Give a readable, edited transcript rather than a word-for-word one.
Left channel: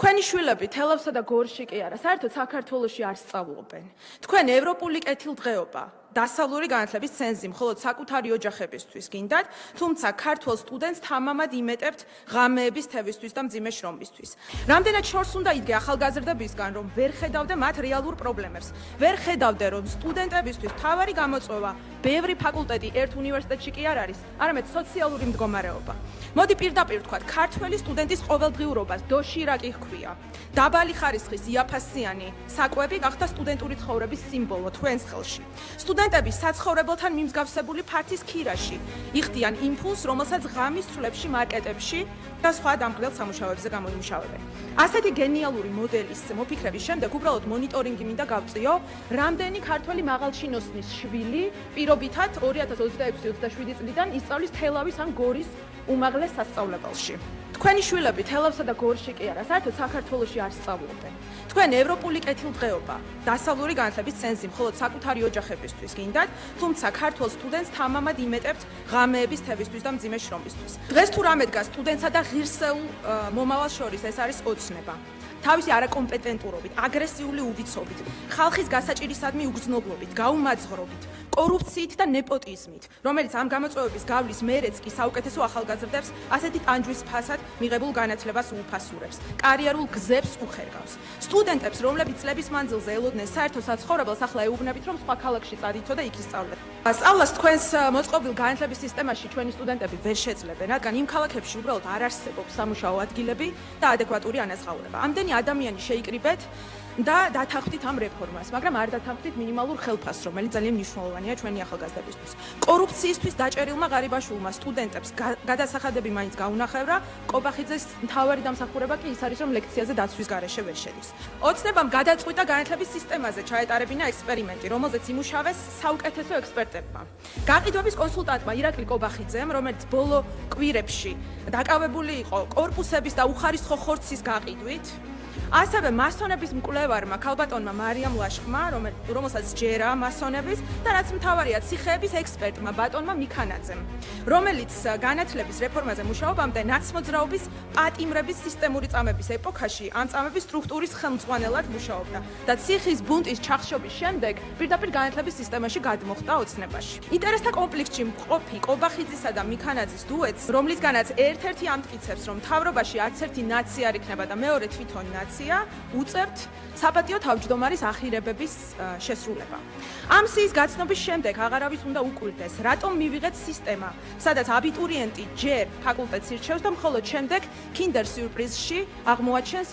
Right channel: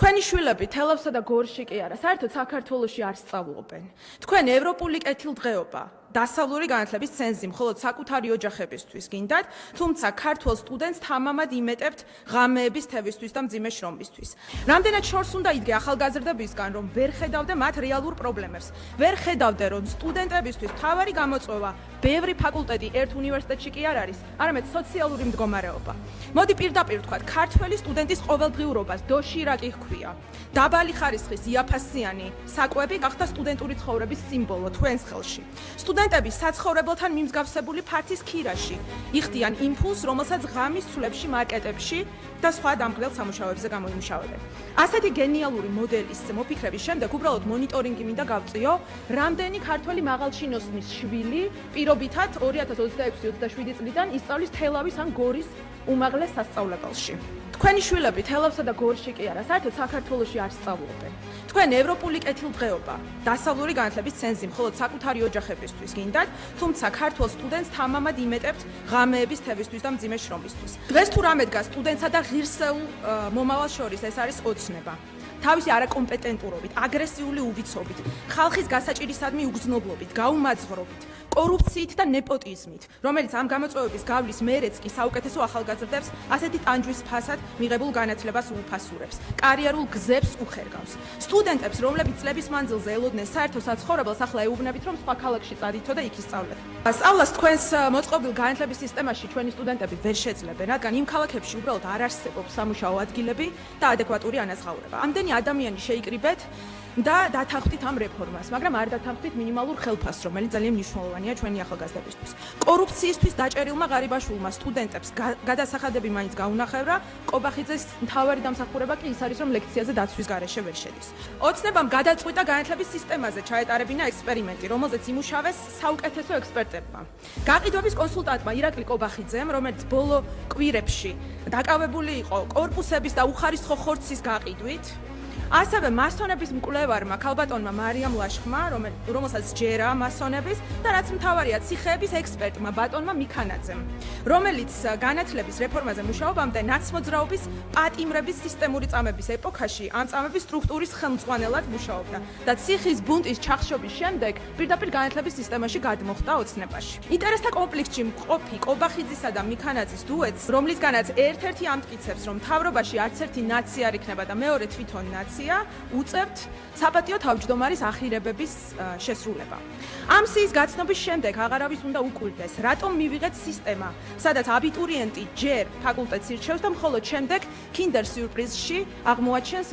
თქვენი შვილები თელავსა და გორში კი არა, საერთოდ საქართველოში არ სწავლობენ. თქვენ ევროპული კეთილდღეობა, დასავლური განათლების ცენზი მხოლოდ საკუთარი ოჯახებისთვის გინდათ, თუმცა ქართველ სტუდენტს თამამად იმეტებთ ღამეების თევისთვის და მძიმე შრომისთვის. რამდენად შორს უნდა იდგე ახალგაზრდებისგან, რომ ვერ ხედავდა მათ რეალურ პრობლემებს, ვერ ხედავდა, რომ სტუდენტებისთვის მთავარი გამოწვევა ბევრი ფაკულტეტი ერთ უნივერსიტეტში კი არ არის, არამედ სოციალური მდგომარეობა. მოდი პირდაპირ ვთქვათ, ქართველი სტუდენტის ყოველდღიურობას დოშირაკი ჰქვია. დაბალი ხარისხის იაფასიანი საკვები გახდა სტუდენტური ცხოვრების სიმბოლო თქვენს ხელში. სტუდენტები საცხოვრებელთან მიმსგავსებული ფართის ქირაში იხდიან იმპულსს, რომელსაც ღამის ცვლებში მარკეტებში და სხვა დამხმარებელ სამუშაოებზე გამოიმუშავებენ. ასეთი გენიალური მოდელის მოფიქრების შემდეგ უბრალოდ მონიტორინგი მინდა გავწიო, რამდენი ქართველი მაღალჩინოსნის შვილი პირობითად 2026-27 წლიდან ისწავლის თელავის ან გორის უმაღლეს სასწავლებელში. თქვენი შვილები თელავსა და გორში კი არა, საერთოდ საქართველოში არ სწავლობენ. თქვენ ევროპული კეთილდღეობა, დასავლური განათლების ცენზი მხოლოდ საკუთარი ოჯახებისთვის გინდათ, თუმცა ქართველ სტუდენტს თამამად იმეტებთ ღამეების თევისთვის და მძიმე შრომისთვის. დღეს თუ რამე დგას სტუდენტსა და ღირსეულ მომავალს შორის, ეს არის ოცნება. თავისი არაკომპეტენტურობით, აგრესიული უბიცობით, ხალხის გასაჭირისადმი უგრძნობობით, გაუმაძღრობით, კორუფციით და ნეპოტიზმით, რომელიც ამ გამოწვევების გავლის მერეც კი საუკეთესო ახალგაზრდებს ასეთი ტანჯვის ფასად მიღებულ განათლებას უუფასურებს, კარიერულ გზებს უხერგავს. სტუდენტებს, რომლებიც წლების მანძილზე ელოდნენ საერთო საცხოვრებელს, ახლა ეუბნებით, რომ სხვა ქალაქში წადითო და იქ ისწავლეთ. სწავლას თქვენს მოწყობილ განათლების სისტემაში ჩვენი სტუდენტები ვერ შეძლებენ, რადგან იმ ქალაქებში უბრალოდ არ არსებობს სამუშაო ადგილები და ადეკვატური ანაზღაურება. ამდენი ადამიანი შეიკრიბეთ და დათანხმდით ამ რეფორმას, მაგრამ არ დათანხმდით მინიმალურ ხელფასს, რომელიც ძალიან მნიშვნელოვანია ჩვენი ახალგაზრდებისთვის. კორუფციისთვის დაჭერილმა ღარიბაშვილმა სტუდენტებს გადასახადები მაინც გაუნახევრა, კობახიძეს მთავარი დამსახურება კი ის არის, რომ ლექციაზე დაცვის გარეშე ვერ შედის. ოცნებამ გადაწყვიტა განათლების სისტემაზე ჩაეტარებინა ექსპერიმენტი, რომელზეც იმუშავეს საუკეთესო ექსპერტებმა. გაყიდვების კონსულტანტმა ირაკლი კობახიძემ, რომელიც ბოლო კვირებში დაკავებული იყო კორპუსების და უხარისხო ხორცის გაყიდვით, ასევე მასონების მკვლევარმა ქალბატონმა მარიამ ლაშხმა, რომელსაც ჯერა მასონების და რაც მთავარია ციხეების ექსპერტმა ბატონმა მიქანაძემ, რომელიც განათლების რეფორმაზე მუშაობამდე ნაცმოძრაობის პატიმრების სისტემური წამების ეპოქაში ამ წამების სტრუქტურის ხელმძღვანელად მუშაობდა და ციხის ბუნტის ჩახშობის შემდეგ პირდაპირ განათლების სისტემაში გადმოხდა ოცნებაში. ინტერესთა კონფლიქტში მყოფი კობახიძისა და მიქანაძის დუეტს, რომლისგანაც ერთ-ერთი ამტკიცებს, რომ მთავრობაში არც ერთი ნაცია არ იქნება და მეორე თვითონ ნაცია, უწევთ საპატიო თავმჯდომარის ახირებების შესრულება. ამ სიის გაცნობის შემდეგ აღარავის უნდა უკვირდეს, რატომ მივიღეთ სისტემა, სადაც აბიტურიენტი ჯერ ფაკულტეტს ირჩევს და მხოლოდ შემდეგ კინდერ სიურპრიზში აღმოაჩენს